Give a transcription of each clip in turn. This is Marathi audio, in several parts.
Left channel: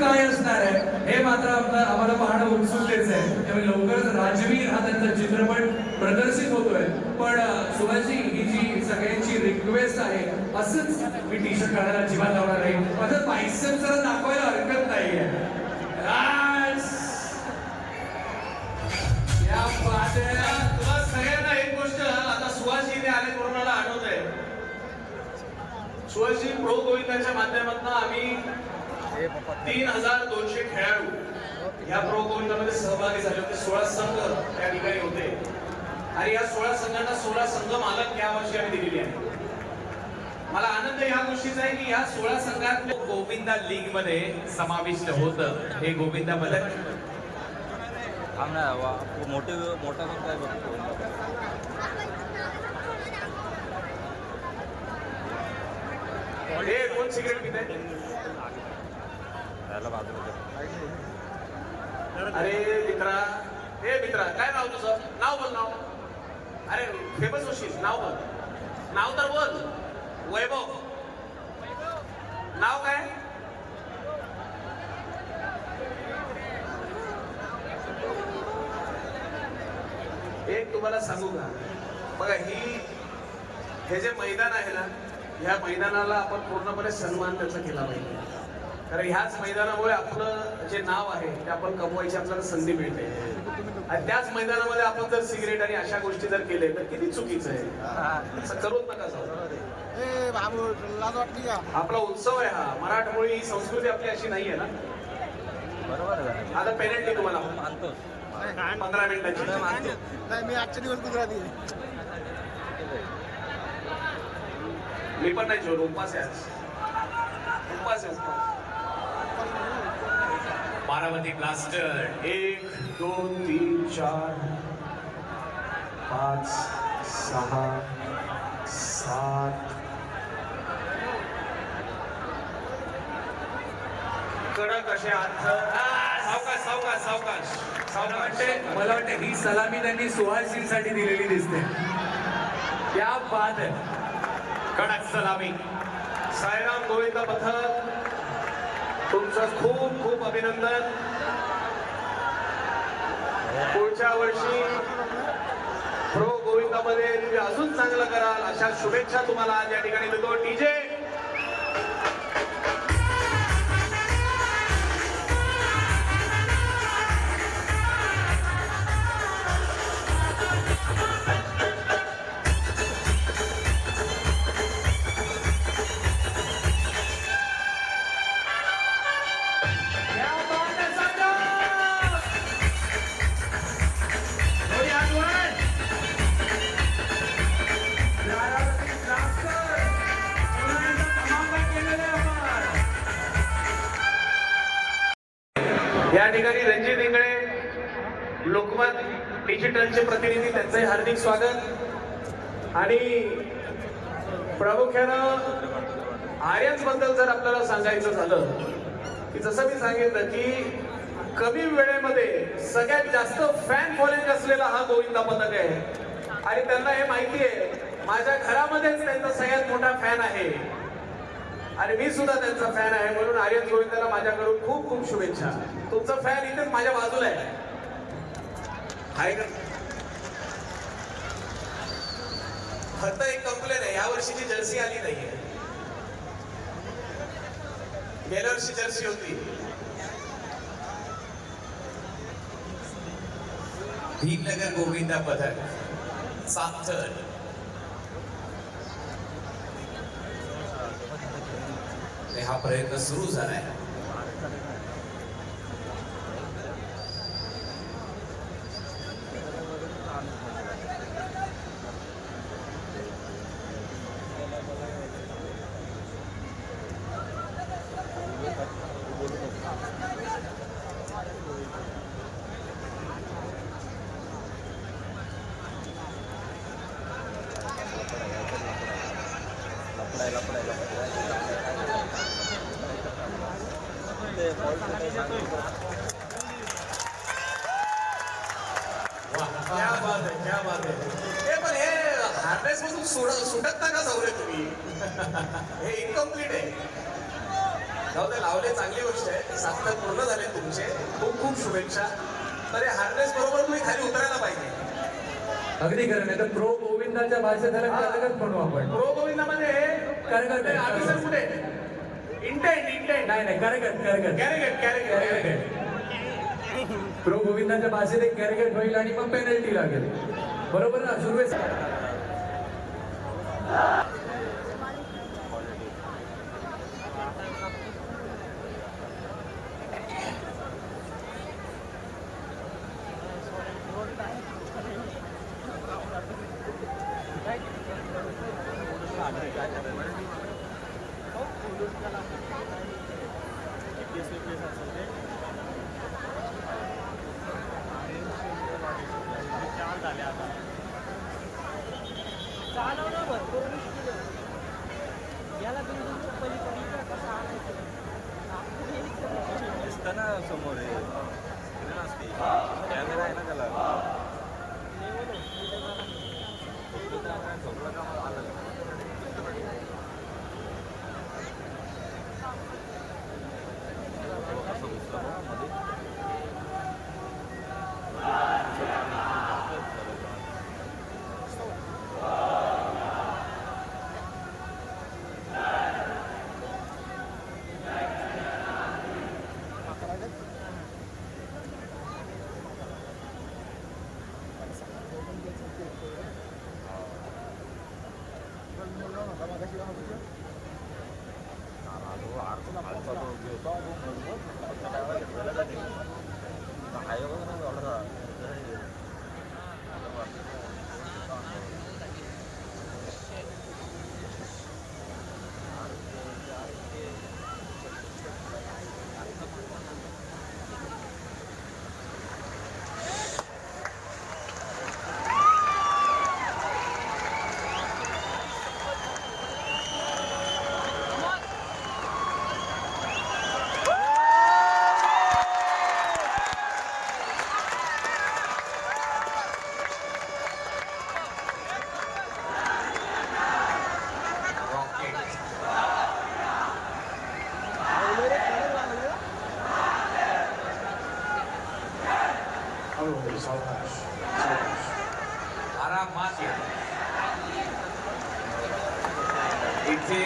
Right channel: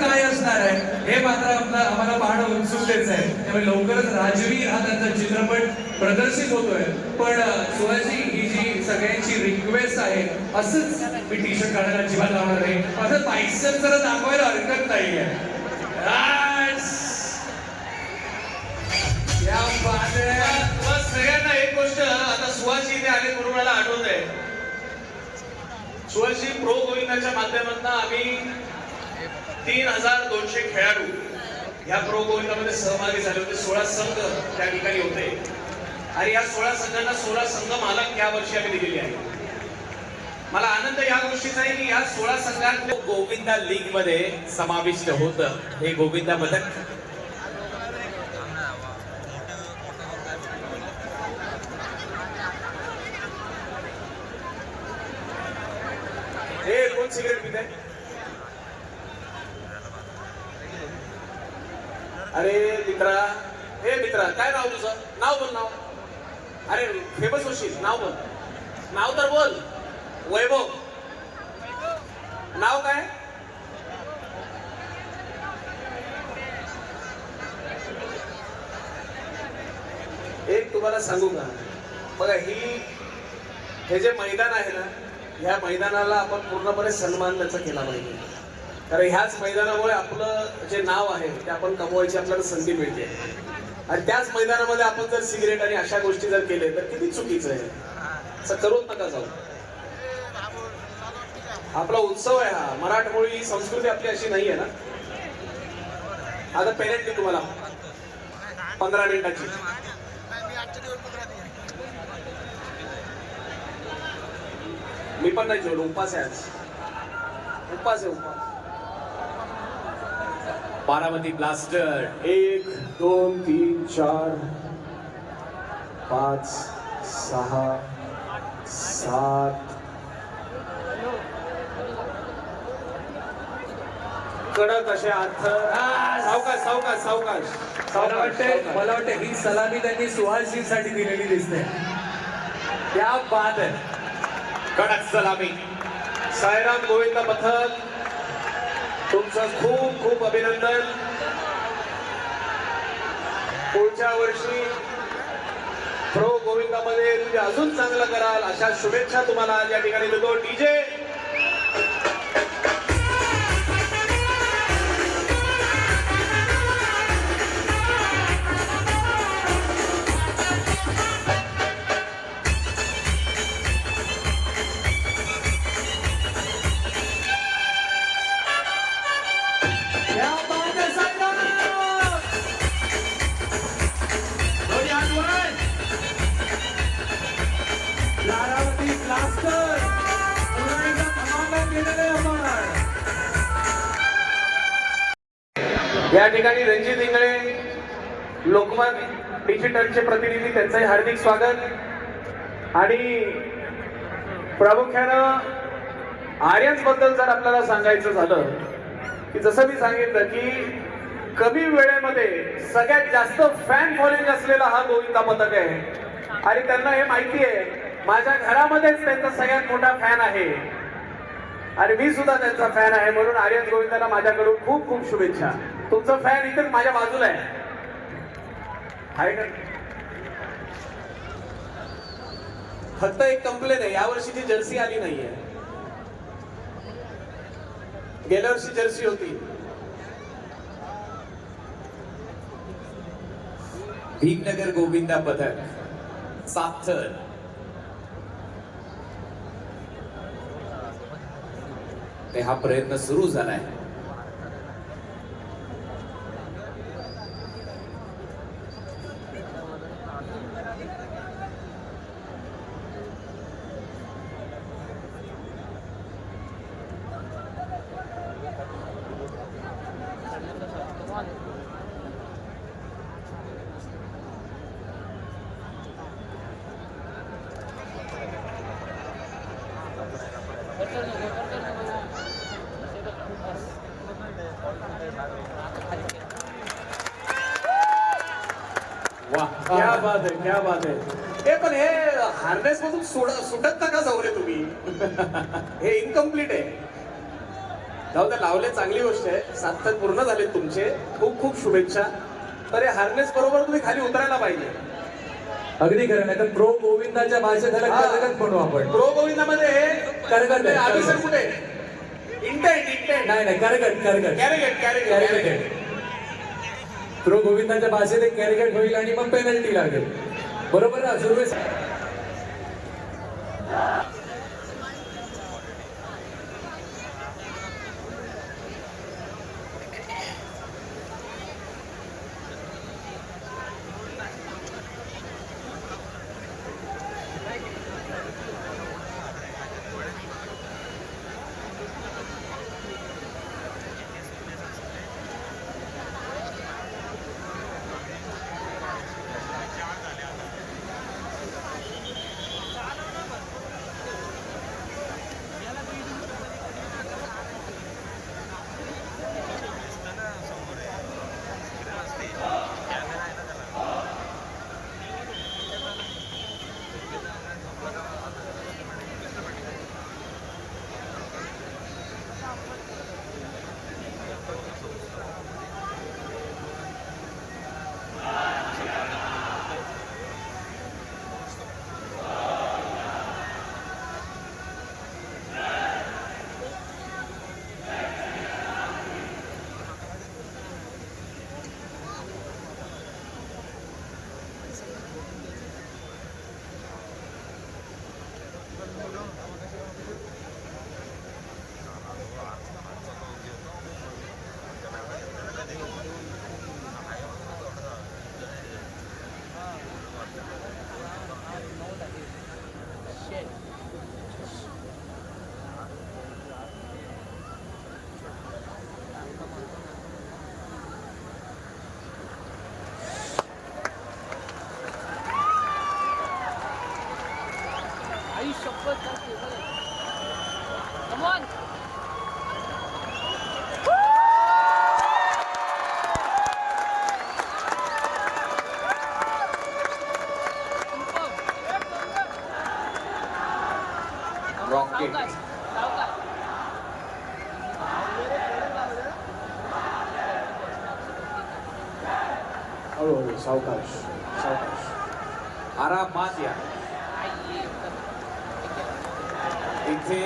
काय असणार आहे हे मात्र आम्हाला पाहणं उत्सुकतेच आहे. त्यामुळे लवकरच राजवीर हा त्यांचा चित्रपट प्रदर्शित होतोय. पण सुहाजी ही जी सगळ्यांची रिक्वेस्ट आहे, असंच मी टी शर्ट काढायला जीवात लावणार नाही. माझं बायसेप जरा दाखवायला हरकत नाहीये. या तुम्हाला सगळ्यांना एक गोष्ट आता सुहाजी इथे आले म्हणून मला आठवत आहे. सुहाजी प्रो गोविंदाच्या माध्यमातून आम्ही 3200 खेळाडू ह्या प्रो गोविंदामध्ये सहभागी झाले होते. 16 संघ त्या ठिकाणी होते आणि या 16 संघांना 16 संघ मालक या वर्षी आम्ही दिलेली आहे. मला आनंद या गोष्टीचा आहे की या 16 संघात गोविंदा लीग मध्ये समाविष्ट होतं. हे गोविंदा पदक हे कोण सिगरेट पित आहे? अरे मित्रा, हे मित्रा, काय नाव तुझं? नाव बोल नाव. अरे फेमस होशील, नाव बोल. नाव तर बोल. वैभव. नाव काय? एक तुम्हाला सांगू का, बघा हे जे मैदान आहे ना, ह्या मैदानाला आपण पूर्णपणे सन्मान त्याचा केला पाहिजे. कारण ह्याच मैदानामुळे आपलं जे नाव आहे ते आपण कमवायची आपल्याला संधी मिळते. आणि त्याच मैदानामध्ये आपण जर सिगरेट आणि अशा गोष्टी जर केले तर किती चुकीचं आहे. असं करून नका जाऊ. आपला उत्सव आहे हा. मराठमोळी संस्कृती आपली अशी नाही आहे ना. आता पेरेंट मी तुम्हाला 15 मिनिटांची. मी पण नाही जेवलो, उपास आहे आज. उपास आहे. बारामती ब्लास्टर 1 2 3 4 5 6 7 कडक असे अर्थ. सावकाश सावकाश सावकाश. मला वाटतं ही सलामी त्यांनी सुहासजींसाठी दिलेली दिसते. त्या बाद कडक सलामी. सायराम गोविंद पथक, तुमचं खूप खूप अभिनंदन. पुढच्या वर्षी प्रो गोविंदामध्ये तुम्ही अजून चांगलं कराल अशा शुभेच्छा तुम्हाला या ठिकाणी देतो. डीजे या ठिकाणी रणजित इंगळे, लोकमत डिजिटलचे प्रतिनिधी, त्यांचंही हार्दिक स्वागत. आणि प्रामुख्यानं आर्यन्स बद्दल जर आपल्याला सांगायचं झालं की जसं मी सांगितलं की कमी वेळेमध्ये सगळ्यात जास्त फॅन फॉलोइंग असलेला हा गोविंदा पथक आहे. आणि त्यांना हे माहिती आहे माझ्या घरामध्येच त्यांचा सगळ्यात मोठा फॅन आहे आणि मी सुद्धा त्यांचा फॅन आहे. म्हणून आर्यन गोविंदाला माझ्याकडून खूप खूप शुभेच्छा. तुमचा फॅन इथेच माझ्या बाजूला आहे. फक्त एक कंप्लेन आहे, यावर्षीची जर्सी आली नाहीये. गेल्या वर्षी जर्सी होती. भीमनगर गोविंदा पथक साथर. हा प्रयत्न सुरू झालाय. क्या बात आहे, क्या बात आहे. हे पण हे हार्नेस पासून सुटत नका जाऊ रे तुम्ही. हे इनकम्प्लीट आहे. जाऊ द्या, लावले चांगली गोष्ट आहे. 7 तर पूर्ण झाले तुमचे. खूप खूप शुभेच्छा. तर हे हार्नेस बरोबर तुम्ही खाली उतरायला पाहिजे. अगदी खरं नाही तर प्रो गोविंदाच्या भाषेत त्याला करगत म्हणू आपण. प्रो गोविंदामध्ये करगत आहे, आधी सर करगत. कुठे इंटेंट नाही नाही करगत करगत कॅरिगेट. प्रो गोविंदाच्या भाषेत एक कॅरिगेट होईल आणि मग पेनल्टी लागेल. बरोबर ना सुरवे. सावकाश आरामात या. इथे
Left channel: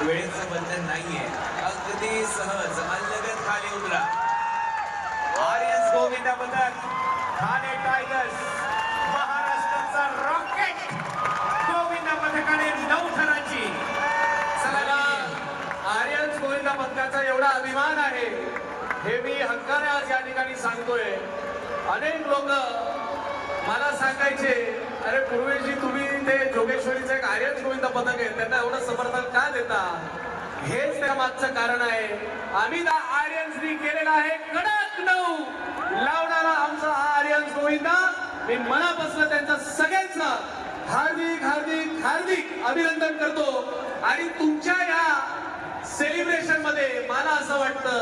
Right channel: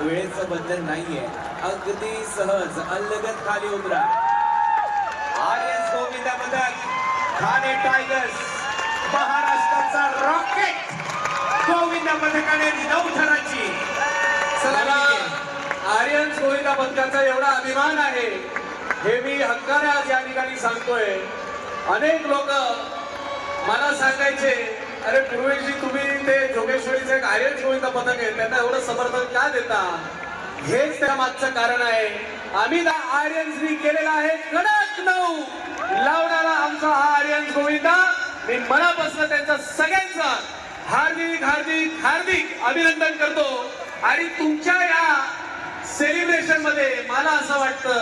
वेळेचं बंधन नाहीये. अगदी सहज अलगद खाली उतरा. आर्यस गोविंदा पदक ठाणे टायगर्स महाराष्ट्राचा रॉकेट गोविंदा पदकाने 9 थराची मला आर्यन गोविंदा पदकाचा एवढा अभिमान आहे हे मी हक्काने आज या ठिकाणी सांगतोय. अनेक लोक मला सांगायचे, अरे पूर्वीची तुम्ही ते जोगेश्वरीचं एक आर्यन गोविंदा पदक आहे त्यांना एवढं समर्थन का देता. हेच त्या मागचं कारण आहे. आम्ही आर्यन्सनी केलेला आहे कडक 9 लावणारा आमचा हा आर्यन गोविंदा. मी मनापासून त्यांचा सगळ्यांचा हार्दिक हार्दिक हार्दिक अभिनंदन करतो. आणि तुमच्या या सेलिब्रेशन मध्ये मला असं वाटतं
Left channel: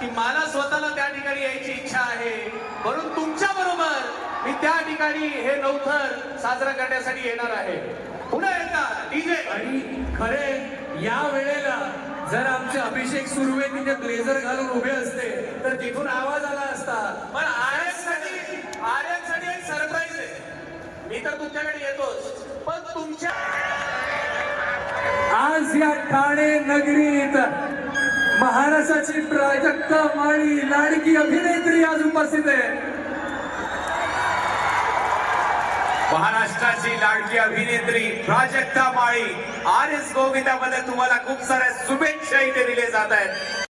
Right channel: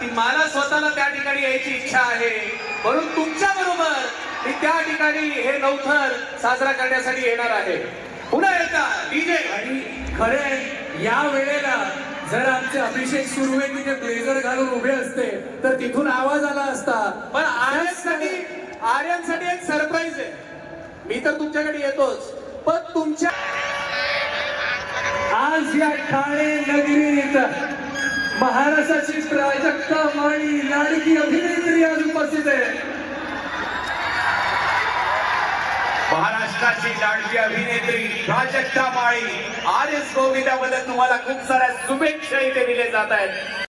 की मला स्वतःला त्या ठिकाणी यायची इच्छा आहे. म्हणून तुमच्या बरोबर मी त्या ठिकाणी हे 9 थर साजरा करण्यासाठी येणार आहे. पुन्हा एकदा डीजे. आणि खरे या वेळेला जर आमचे अभिषेक सुरवे तिथे ब्लेझर घालून उभे असते तर तिथून आवाज आला असता. पण आर्यनसाठी एक सरप्राईज आहे. मी तर तुमच्याकडे येतोच पण तुमच्या आज या ठाणे नगरीत महाराष्ट्राची प्राजक्ता माळी लाडकी अभिनेत्री आज उपस्थित आहे. महाराष्ट्राची लाडकी अभिनेत्री प्राजक्ता माळी आर्यस गोविंदाबद्दल तुम्हाला खूप साऱ्या शुभेच्छा इथे दिले जात आहेत.